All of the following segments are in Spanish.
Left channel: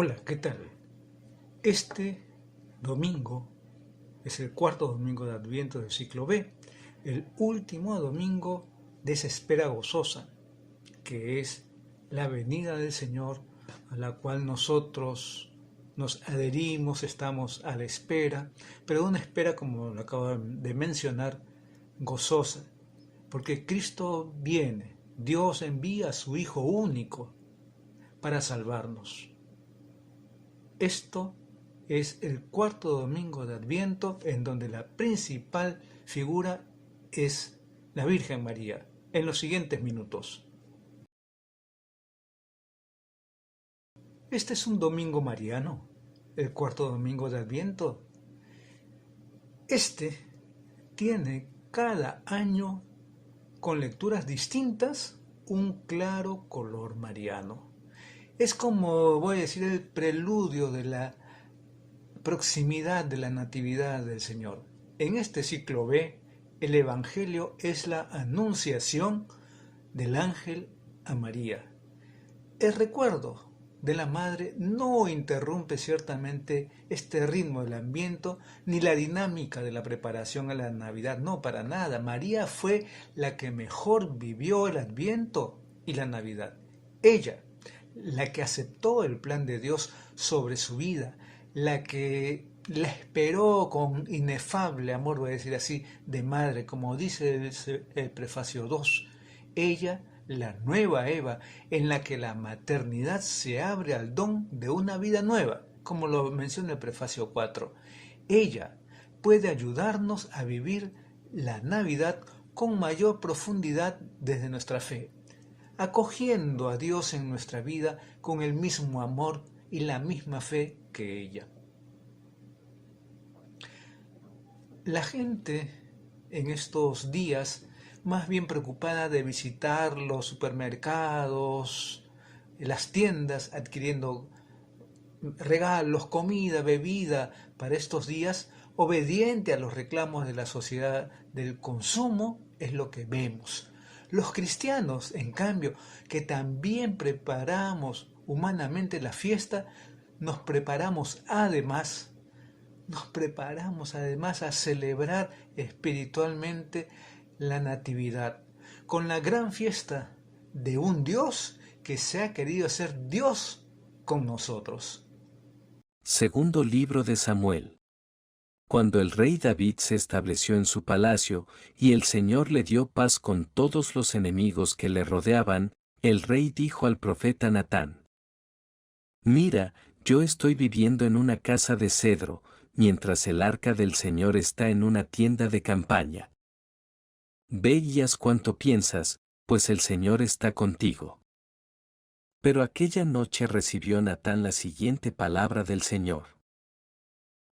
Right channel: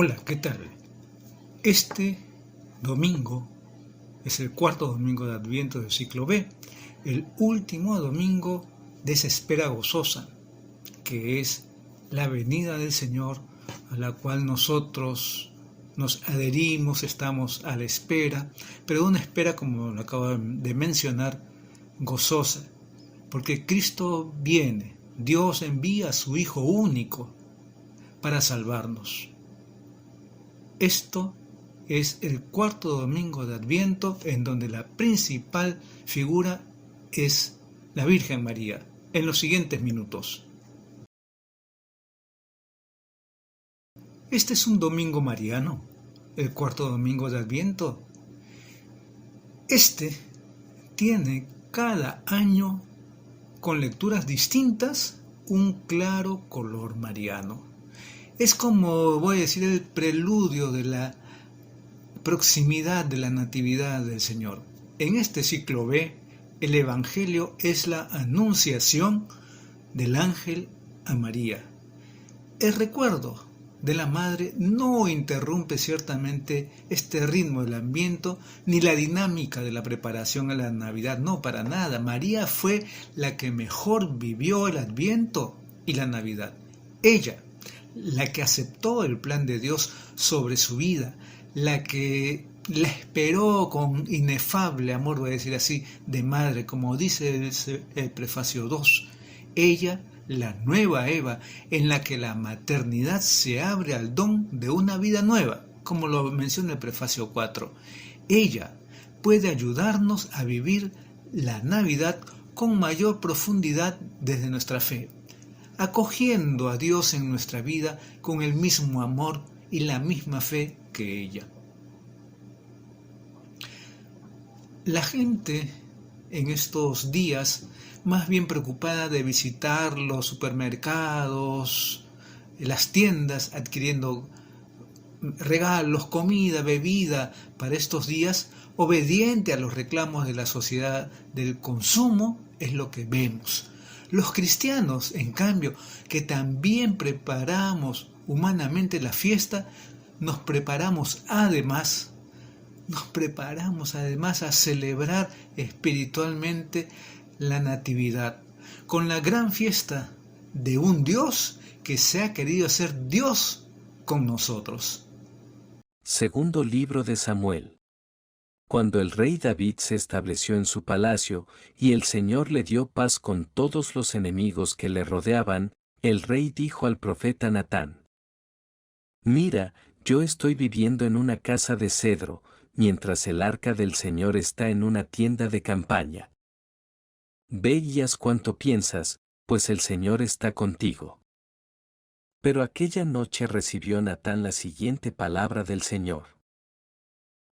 Hola, ¿qué tal? Este domingo es el cuarto domingo de Adviento del ciclo B, el último domingo de esa espera gozosa, que es la venida del Señor, a la cual nosotros nos adherimos, estamos a la espera, pero una espera, como lo acabo de mencionar, gozosa, porque Cristo viene, Dios envía a su Hijo único para salvarnos. Esto es el cuarto domingo de Adviento, en donde la principal figura es la Virgen María. En los siguientes minutos. Este es un domingo mariano, el cuarto domingo de Adviento. Este tiene cada año, con lecturas distintas, un claro color mariano. Es como, voy a decir, el preludio de la proximidad de la Natividad del Señor. En este ciclo B, el Evangelio es la anunciación del ángel a María. El recuerdo de la Madre no interrumpe ciertamente este ritmo del Adviento ni la dinámica de la preparación a la Navidad, no, para nada. María fue la que mejor vivió el Adviento y la Navidad. Ella, la que aceptó el plan de Dios sobre su vida, la que la esperó con inefable amor, voy a decir así, de madre, como dice el prefacio 2. Ella, la nueva Eva, en la que la maternidad se abre al don de una vida nueva, como lo menciona el prefacio 4. Ella puede ayudarnos a vivir la Navidad con mayor profundidad desde nuestra fe, acogiendo a Dios en nuestra vida con el mismo amor y la misma fe que ella. La gente en estos días, más bien preocupada de visitar los supermercados, las tiendas, adquiriendo regalos, comida, bebida para estos días, obediente a los reclamos de la sociedad del consumo, es lo que vemos. Los cristianos, en cambio, que también preparamos humanamente la fiesta, nos preparamos además a celebrar espiritualmente la Natividad, con la gran fiesta de un Dios que se ha querido hacer Dios con nosotros. Segundo libro de Samuel. Cuando el rey David se estableció en su palacio, y el Señor le dio paz con todos los enemigos que le rodeaban, el rey dijo al profeta Natán: Mira, yo estoy viviendo en una casa de cedro, mientras el arca del Señor está en una tienda de campaña. Ve y haz cuanto piensas, pues el Señor está contigo. Pero aquella noche recibió Natán la siguiente palabra del Señor:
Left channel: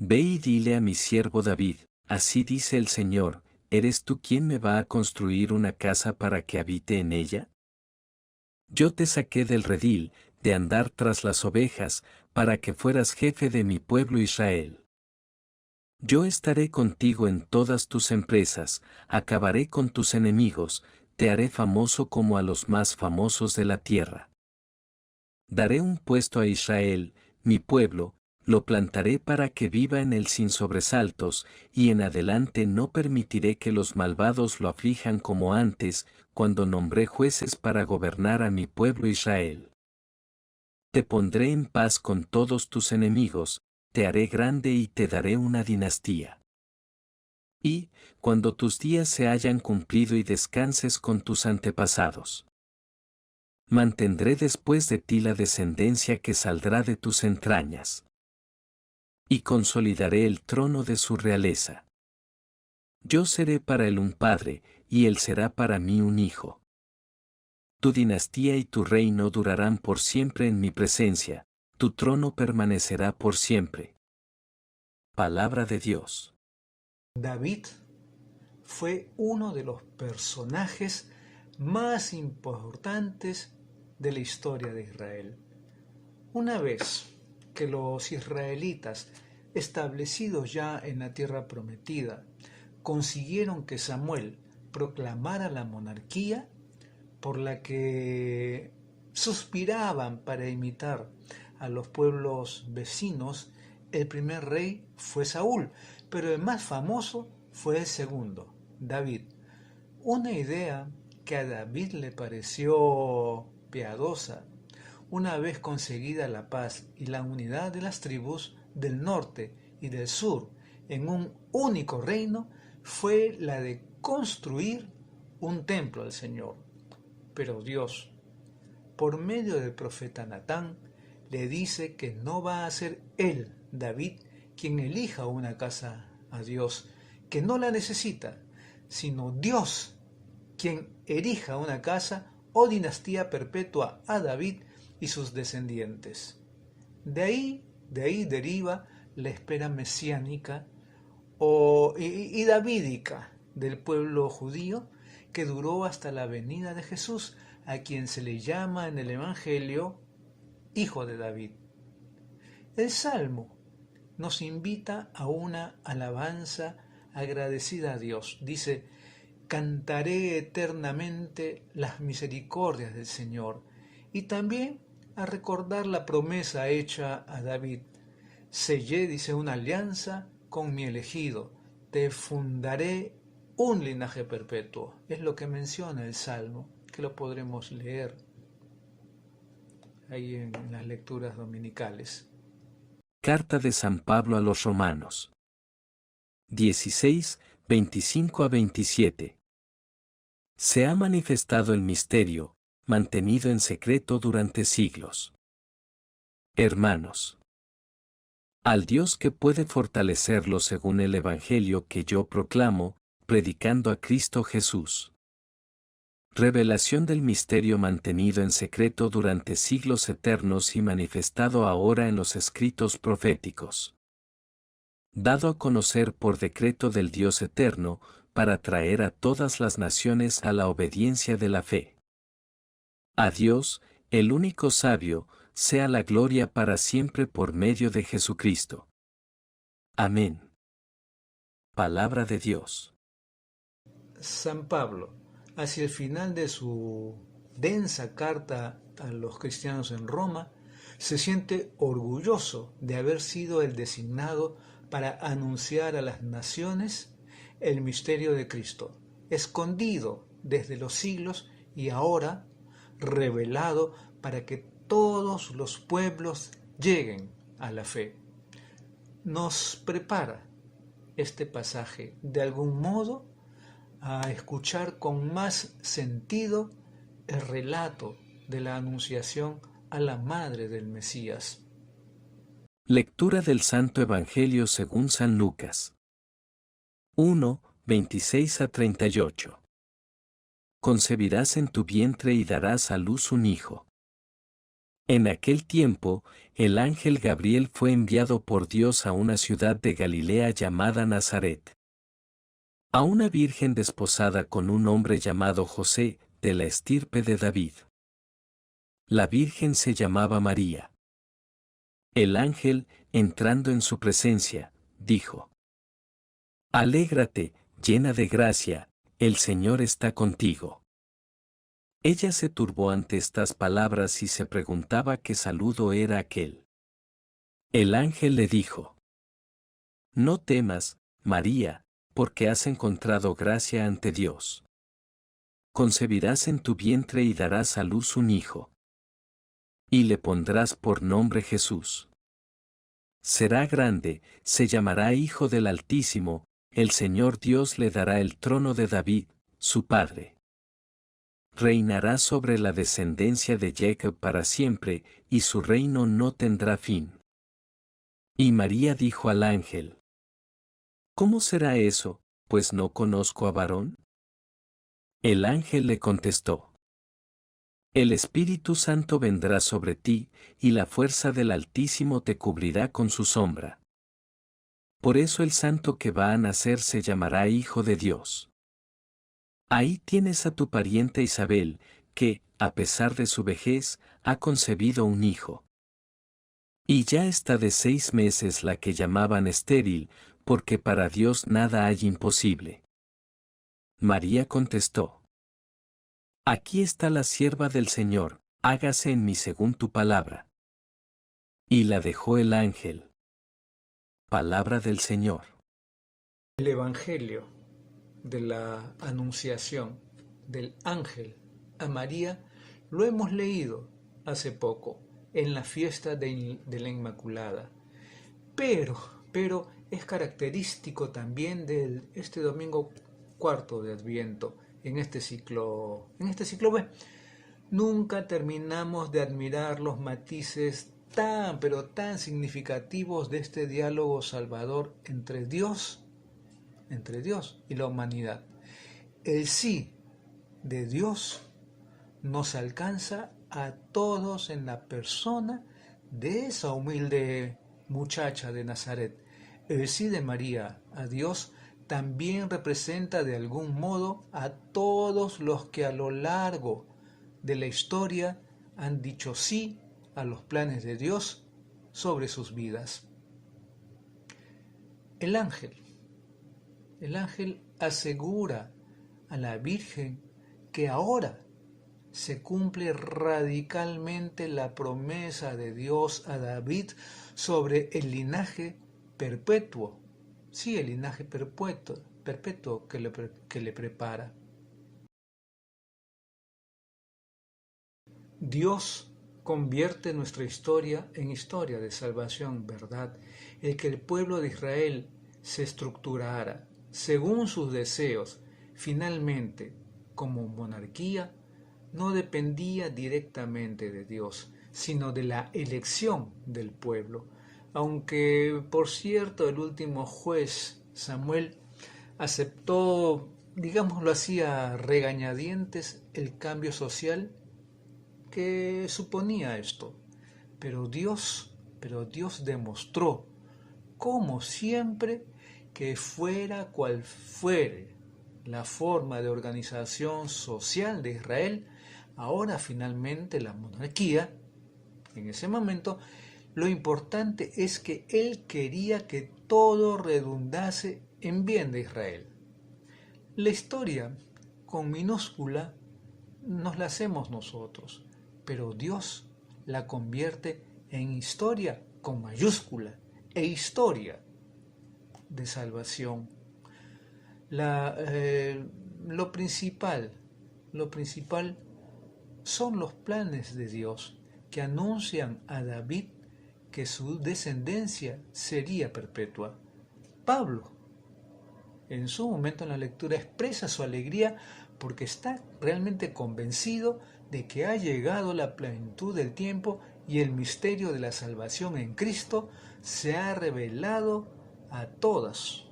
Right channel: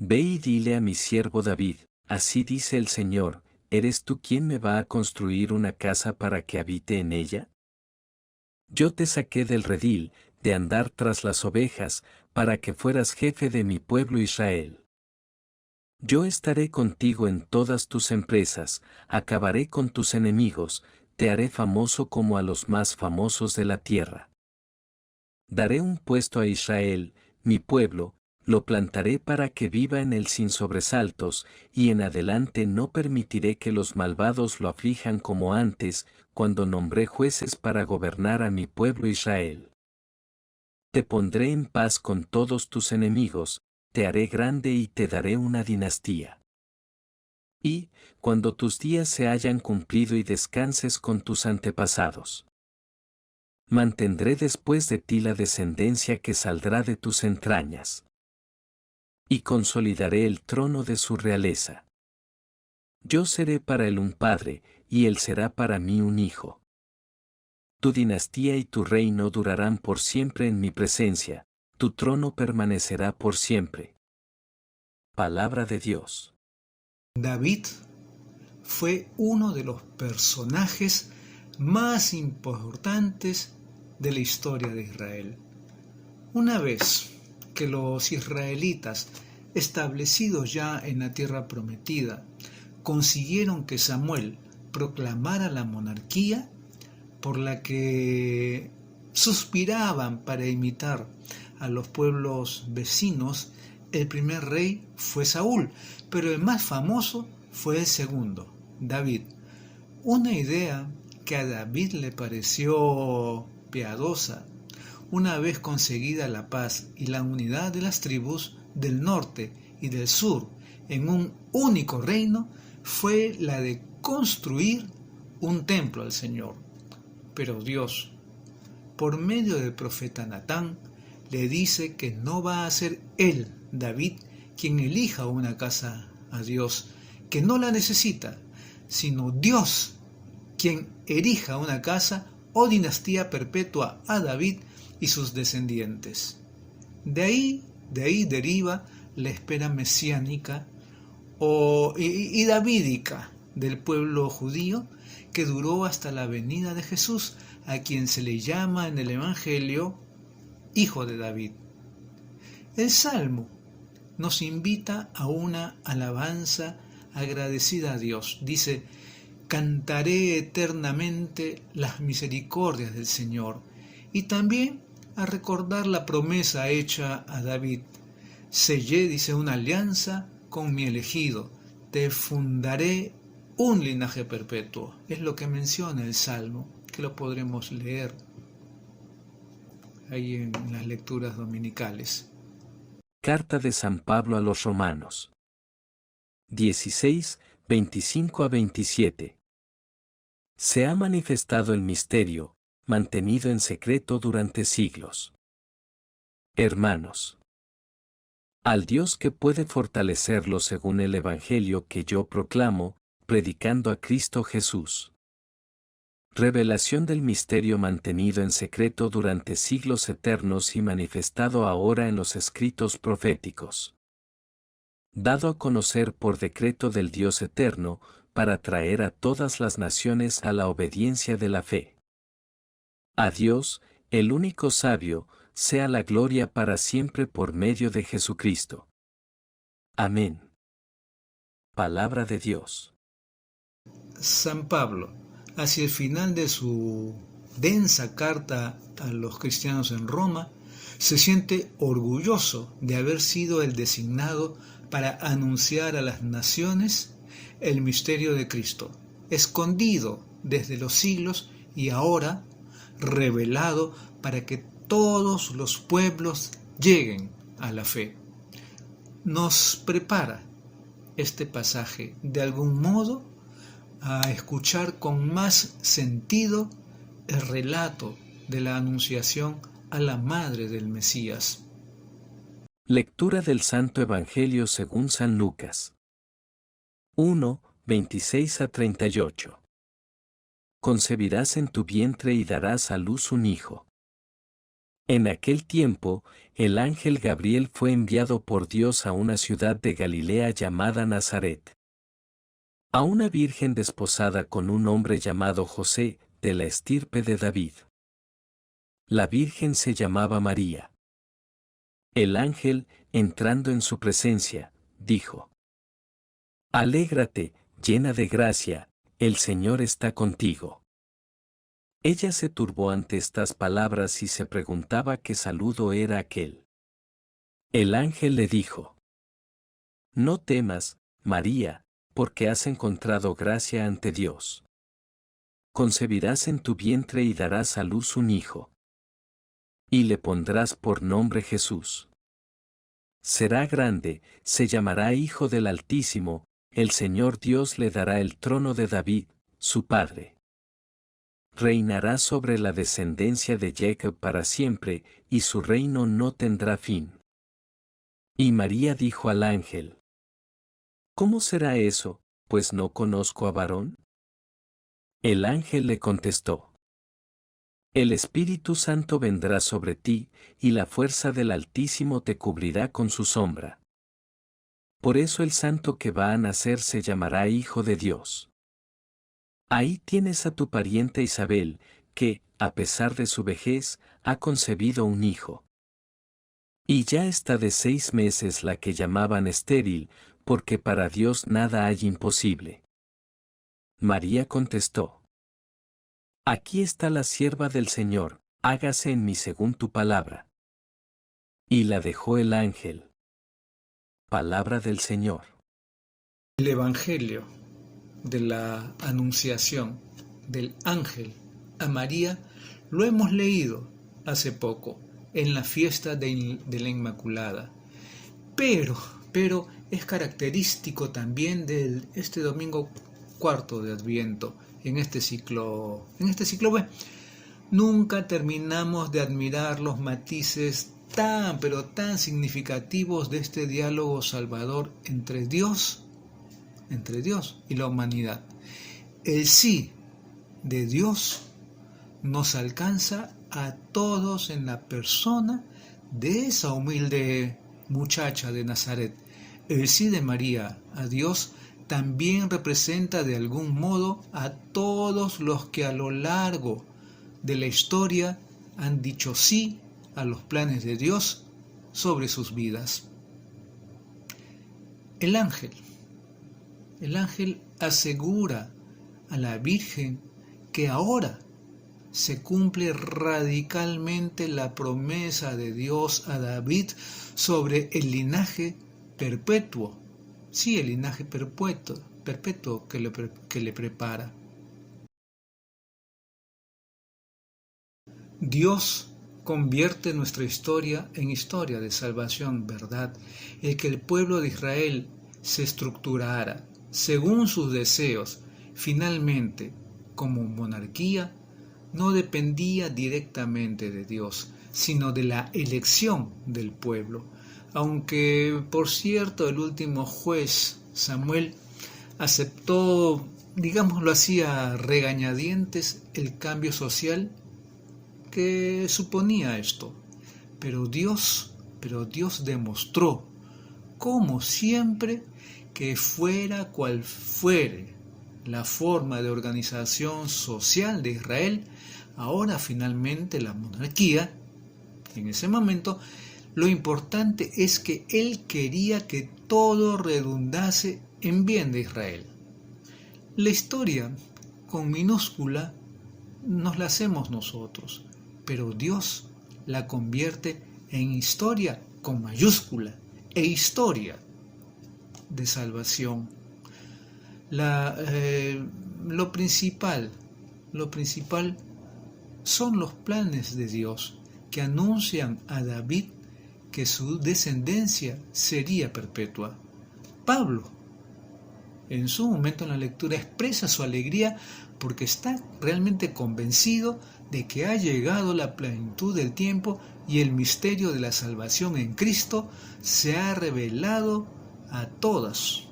Ve y dile a mi siervo David, así dice el Señor, ¿eres tú quien me va a construir una casa para que habite en ella? Yo te saqué del redil, de andar tras las ovejas, para que fueras jefe de mi pueblo Israel. Yo estaré contigo en todas tus empresas, acabaré con tus enemigos, te haré famoso como a los más famosos de la tierra. Daré un puesto a Israel, mi pueblo, lo plantaré para que viva en él sin sobresaltos, y en adelante no permitiré que los malvados lo aflijan como antes, cuando nombré jueces para gobernar a mi pueblo Israel. Te pondré en paz con todos tus enemigos, te haré grande y te daré una dinastía. Y, cuando tus días se hayan cumplido y descanses con tus antepasados, mantendré después de ti la descendencia que saldrá de tus entrañas. Y consolidaré el trono de su realeza. Yo seré para él un padre, y él será para mí un hijo. Tu dinastía y tu reino durarán por siempre en mi presencia, tu trono permanecerá por siempre. Palabra de Dios. David fue uno de los personajes más importantes de la historia de Israel. Una vez que los israelitas, establecidos ya en la tierra prometida, consiguieron que Samuel proclamara la monarquía por la que suspiraban para imitar a los pueblos vecinos, el primer rey fue Saúl, pero el más famoso fue el segundo, David. Una idea que a David le pareció piadosa, una vez conseguida la paz y la unidad de las tribus del norte y del sur en un único reino, fue la de construir un templo al Señor. Pero Dios, por medio del profeta Natán, le dice que no va a ser él, David, quien elija una casa a Dios, que no la necesita, sino Dios quien erija una casa o dinastía perpetua a David y sus descendientes. De ahí deriva la espera mesiánica y davídica del pueblo judío, que duró hasta la venida de Jesús, a quien se le llama en el Evangelio Hijo de David. El Salmo nos invita a una alabanza agradecida a Dios. Dice: cantaré eternamente las misericordias del Señor. Y también a recordar la promesa hecha a David. Sellé, dice, una alianza con mi elegido. Te fundaré un linaje perpetuo. Es lo que menciona el Salmo, que lo podremos leer ahí en las lecturas dominicales. Carta de San Pablo a los Romanos. 16, 25 a 27. Se ha manifestado el misterio, mantenido en secreto durante siglos. Hermanos, al Dios que puede fortalecerlos según el Evangelio que yo proclamo, predicando a Cristo Jesús. Revelación del misterio mantenido en secreto durante siglos eternos y manifestado ahora en los escritos proféticos. Dado a conocer por decreto del Dios eterno, para traer a todas las naciones a la obediencia de la fe. A Dios, el único sabio, sea la gloria para siempre por medio de Jesucristo. Amén. Palabra de Dios. San Pablo, hacia el final de su densa carta a los cristianos en Roma, se siente orgulloso de haber sido el designado para anunciar a las naciones el misterio de Cristo, escondido desde los siglos y ahora revelado para que todos los pueblos lleguen a la fe. Nos prepara este pasaje de algún modo a escuchar con más sentido el relato de la anunciación a la madre del Mesías. Lectura del Santo Evangelio según San Lucas. 1, 26 a 38. Concebirás en tu vientre y darás a luz un hijo. En aquel tiempo, el ángel Gabriel fue enviado por Dios a una ciudad de Galilea llamada Nazaret. A una virgen desposada con un hombre llamado José, de la estirpe de David. La virgen se llamaba María. El ángel, entrando en su presencia, dijo: Alégrate, llena de gracia, el Señor está contigo. Ella se turbó ante estas palabras y se preguntaba qué saludo era aquel. El ángel le dijo: No temas, María, porque has encontrado gracia ante Dios. Concebirás en tu vientre y darás a luz un hijo. Y le pondrás por nombre Jesús. Será grande, se llamará Hijo del Altísimo, el Señor Dios le dará el trono de David, su padre. Reinará sobre la descendencia de Jacob para siempre, y su reino no tendrá fin. Y María dijo al ángel: ¿Cómo será eso, pues no conozco a varón? El ángel le contestó: El Espíritu Santo vendrá sobre ti, y la fuerza del Altísimo te cubrirá con su sombra. Por eso el santo que va a nacer se llamará Hijo de Dios. Ahí tienes a tu pariente Isabel, que, a pesar de su vejez, ha concebido un hijo. Y ya está de 6 meses la que llamaban estéril, porque para Dios nada hay imposible. María contestó: Aquí está la sierva del Señor, hágase en mí según tu palabra. Y la dejó el ángel. Palabra del Señor. El Evangelio de la Anunciación del ángel a María lo hemos leído hace poco en la fiesta de la Inmaculada. Pero es característico también de este domingo cuarto de Adviento, en este ciclo B. Nunca terminamos de admirar los matices pero tan significativos de este diálogo salvador entre Dios y la humanidad. El sí de Dios nos alcanza a todos en la persona de esa humilde muchacha de Nazaret. El sí de María a Dios también representa de algún modo a todos los que a lo largo de la historia han dicho sí a los planes de Dios sobre sus vidas. El ángel asegura a la Virgen que ahora se cumple radicalmente la promesa de Dios a David sobre el linaje perpetuo. Sí, el linaje perpetuo que le prepara. Dios convierte nuestra historia en historia de salvación, ¿verdad? El que el pueblo de Israel se estructurara según sus deseos, finalmente, como monarquía, no dependía directamente de Dios, sino de la elección del pueblo. Aunque, por cierto, el último juez, Samuel, aceptó, digámoslo así, a regañadientes el cambio social que suponía esto. Pero Dios demostró, como siempre, que fuera cual fuere la forma de organización social de Israel, ahora finalmente la monarquía, en ese momento, lo importante es que él quería que todo redundase en bien de Israel. La historia, con minúscula, nos la hacemos nosotros, pero Dios la convierte en historia con mayúscula, e historia de salvación. Lo principal son los planes de Dios que anuncian a David que su descendencia sería perpetua. Pablo, en su momento en la lectura, expresa su alegría porque está realmente convencido de que ha llegado la plenitud del tiempo y el misterio de la salvación en Cristo se ha revelado a todas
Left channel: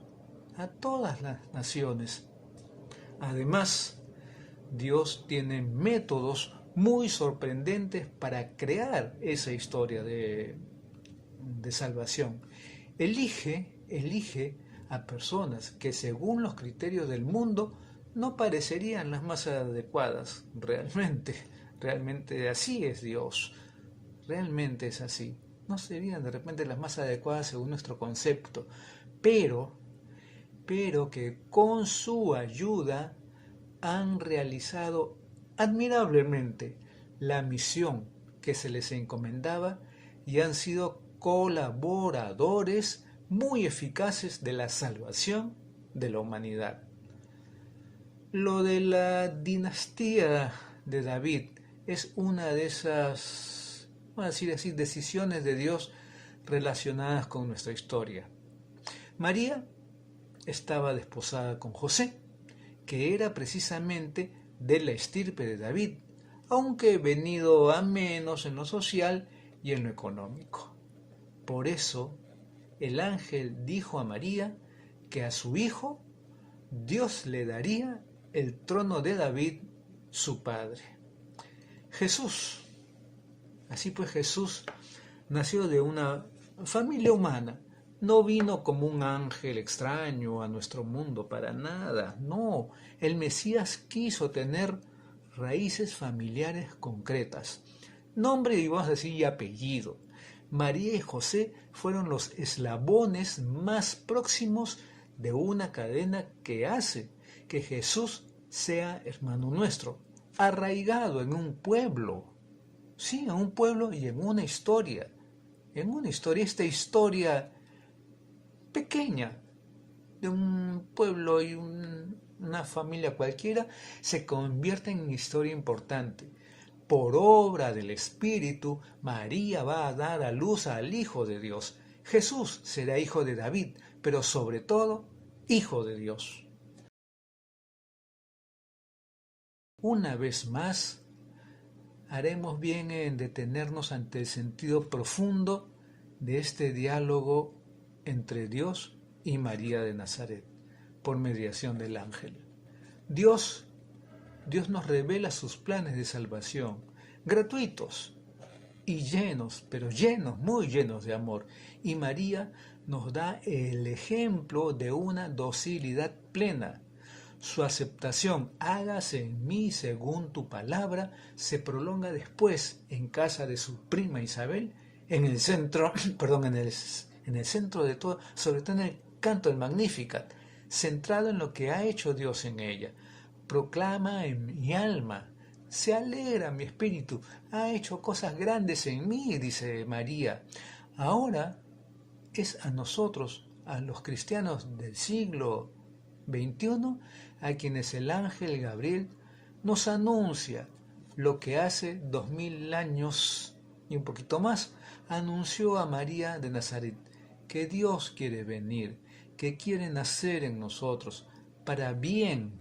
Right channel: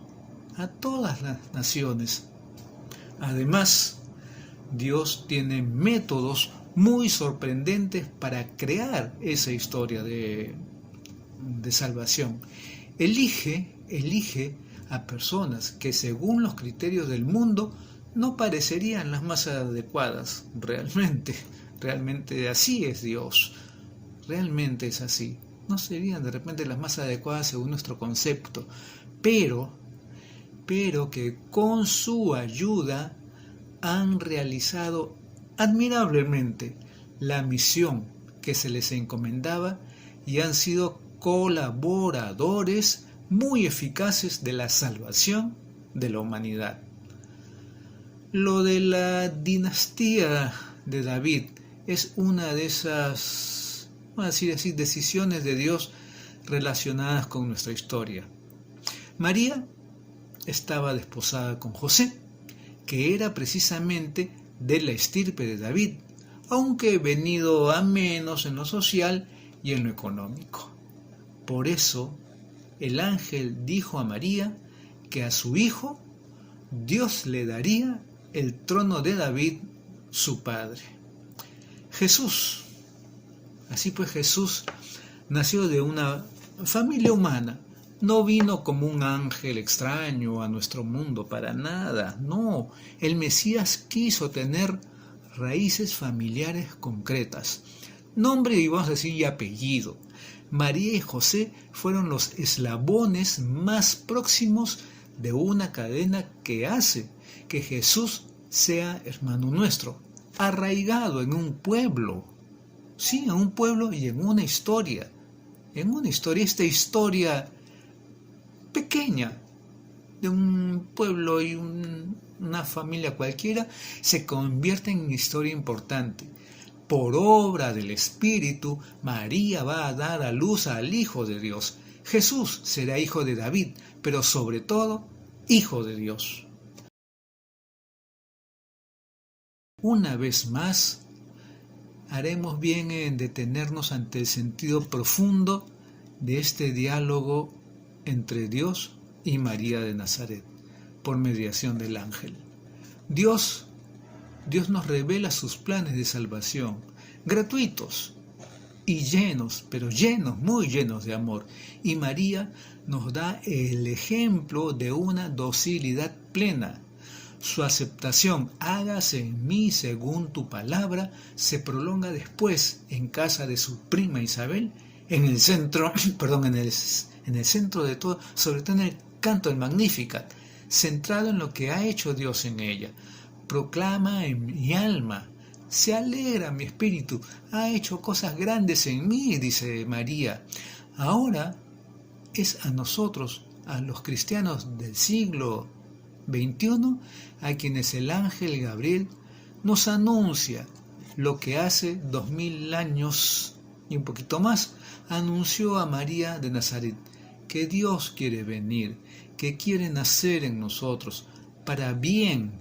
las naciones. Además, Dios tiene métodos muy sorprendentes para crear esa historia de salvación. Elige a personas que según los criterios del mundo no parecerían las más adecuadas. Realmente así es Dios. Realmente es así. No serían de repente las más adecuadas según nuestro concepto, pero que con su ayuda han realizado admirablemente la misión que se les encomendaba y han sido colaboradores muy eficaces de la salvación de la humanidad. Lo de la dinastía de David es una de esas, así decir, decisiones de Dios relacionadas con nuestra historia. María estaba desposada con José, que era precisamente de la estirpe de David, aunque venido a menos en lo social y en lo económico. Por eso, el ángel dijo a María que a su hijo Dios le daría el trono de David, su padre. Jesús, así pues, Jesús nació de una familia humana. No vino como un ángel extraño a nuestro mundo, para nada. No, el Mesías quiso tener raíces familiares concretas. Nombre y vamos a decir y apellido. María y José fueron los eslabones más próximos de una cadena que hace que Jesús sea hermano nuestro, arraigado en un pueblo, sí, en un pueblo y en una historia, en una historia, esta historia pequeña de un pueblo y una familia cualquiera, se convierte en una historia importante. Por obra del Espíritu, María va a dar a luz al Hijo de Dios. Jesús será hijo de David, pero sobre todo, hijo de Dios. Una vez más, haremos bien en detenernos ante el sentido profundo de este diálogo entre Dios y María de Nazaret, por mediación del ángel. Dios nos revela sus planes de salvación, gratuitos y llenos, pero llenos, muy llenos de amor. Y María nos da el ejemplo de una docilidad plena. Su aceptación, hágase en mí según tu palabra, se prolonga después en casa de su prima Isabel, en el centro de todo, sobre todo en el canto del Magnificat, centrado en lo que ha hecho Dios en ella. Proclama en mi alma, se alegra mi espíritu, ha hecho cosas grandes en mí, dice María. Ahora es a nosotros, a los cristianos del siglo XXI, a quienes el ángel Gabriel nos anuncia lo que hace 2000 años y un poquito más anunció a María de Nazaret, que Dios quiere venir, que quiere nacer en nosotros, para bien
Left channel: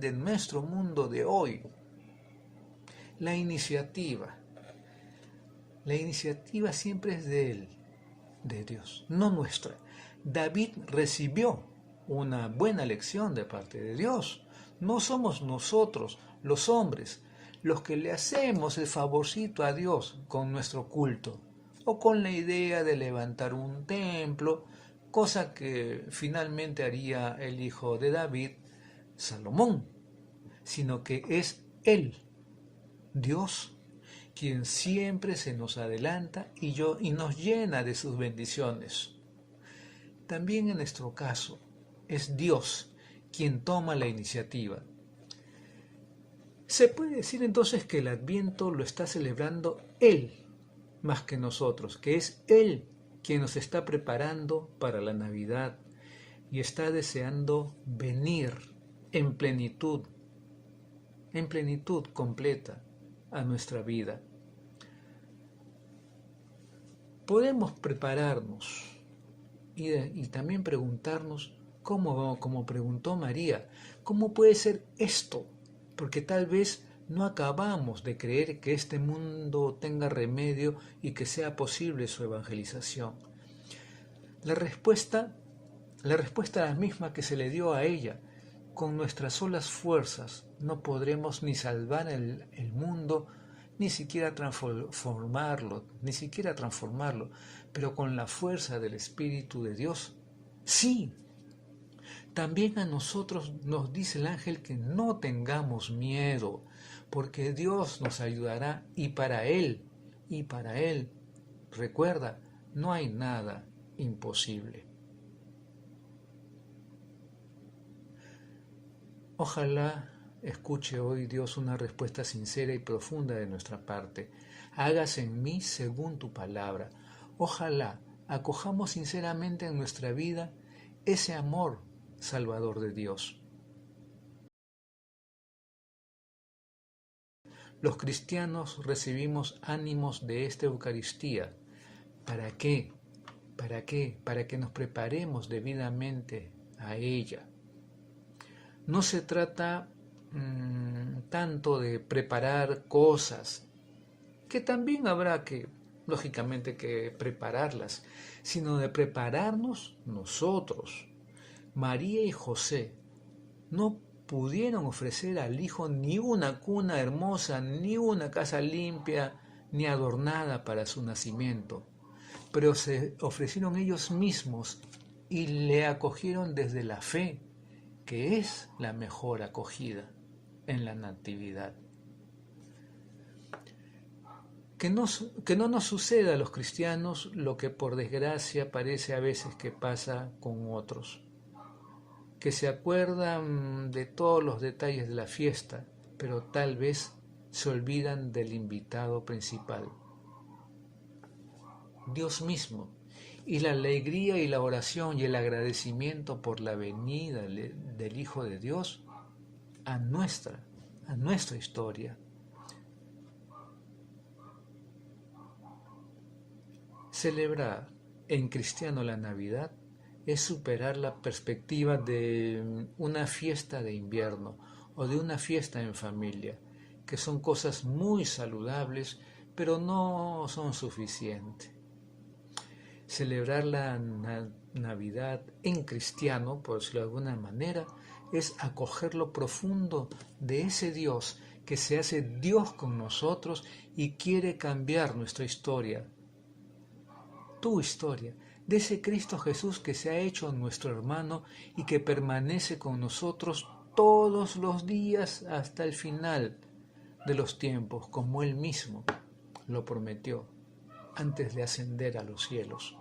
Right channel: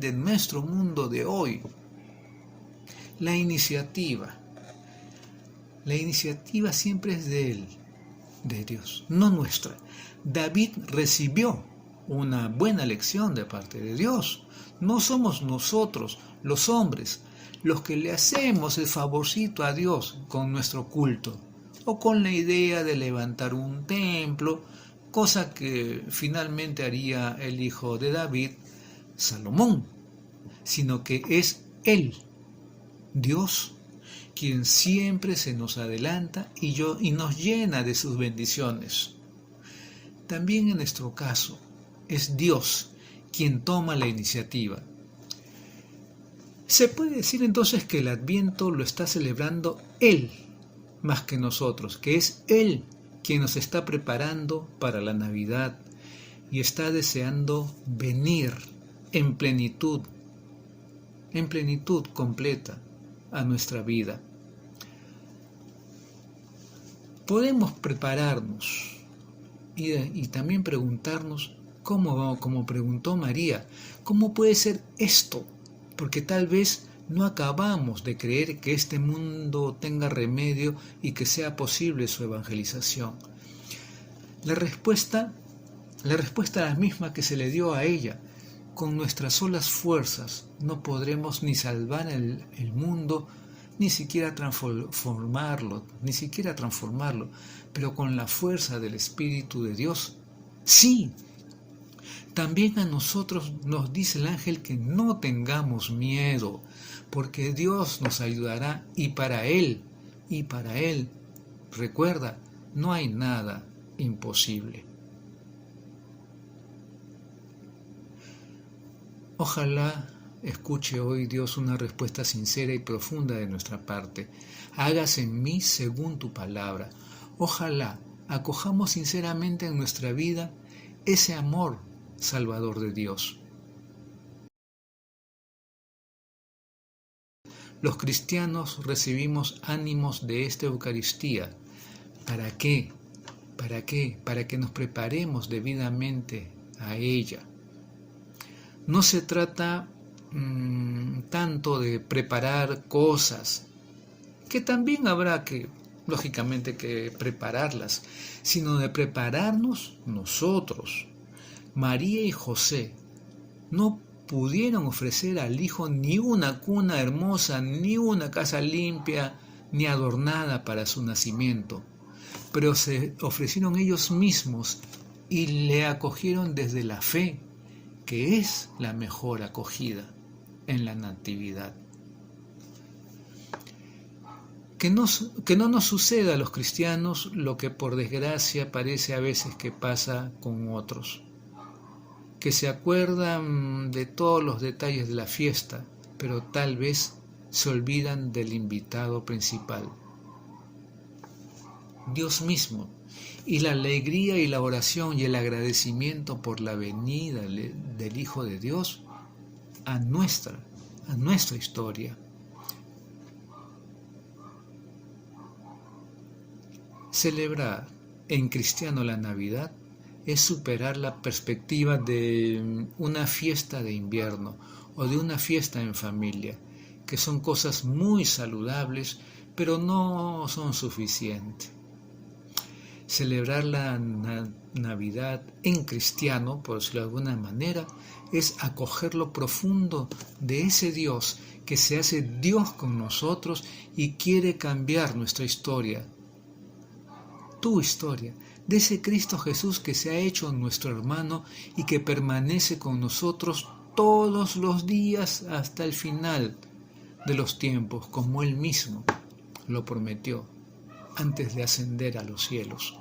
de nuestro mundo de hoy. La iniciativa siempre es de Él, de Dios, no nuestra. David recibió una buena lección de parte de Dios. No somos nosotros, los hombres, los que le hacemos el favorcito a Dios con nuestro culto, o con la idea de levantar un templo, cosa que finalmente haría el hijo de David, Salomón, sino que es Él, Dios, quien siempre se nos adelanta y nos llena de sus bendiciones. También en nuestro caso, es Dios quien toma la iniciativa. Se puede decir entonces que el Adviento lo está celebrando Él, más que nosotros, que es Él quien nos está preparando para la Navidad y está deseando venir en plenitud completa a nuestra vida. Podemos prepararnos y también preguntarnos, como preguntó María, ¿cómo puede ser esto? Porque tal vez no acabamos de creer que este mundo tenga remedio y que sea posible su evangelización. La respuesta es la misma que se le dio a ella. Con nuestras solas fuerzas no podremos ni salvar el mundo, ni siquiera transformarlo, pero con la fuerza del Espíritu de Dios, sí. También a nosotros nos dice el ángel que no tengamos miedo, porque Dios nos ayudará y para Él, recuerda, no hay nada imposible. Ojalá escuche hoy Dios una respuesta sincera y profunda de nuestra parte. Hágase en mí según tu palabra. Ojalá acojamos sinceramente en nuestra vida ese amor salvador de Dios. Los cristianos recibimos ánimos de esta Eucaristía. ¿Para qué? Para que nos preparemos debidamente a ella. No se trata tanto de preparar cosas, que también habrá que, lógicamente, que prepararlas, sino de prepararnos nosotros. María y José no pudieron ofrecer al Hijo ni una cuna hermosa, ni una casa limpia, ni adornada para su nacimiento, pero se ofrecieron ellos mismos y le acogieron desde la fe, que es la mejor acogida en la natividad. Que no nos suceda a los cristianos lo que por desgracia parece a veces que pasa con otros, que se acuerdan de todos los detalles de la fiesta, pero tal vez se olvidan del invitado principal. Dios mismo, y la alegría y la oración y el agradecimiento por la venida del Hijo de Dios a nuestra historia. Celebrar en cristiano la Navidad es superar la perspectiva de una fiesta de invierno o de una fiesta en familia, que son cosas muy saludables, pero no son suficientes. Celebrar la Navidad en cristiano, por decirlo de alguna manera, es acoger lo profundo de ese Dios que se hace Dios con nosotros y quiere cambiar nuestra historia, tu historia, de ese Cristo Jesús que se ha hecho nuestro hermano y que permanece con nosotros todos los días hasta el final de los tiempos, como Él mismo lo prometió antes de ascender a los cielos.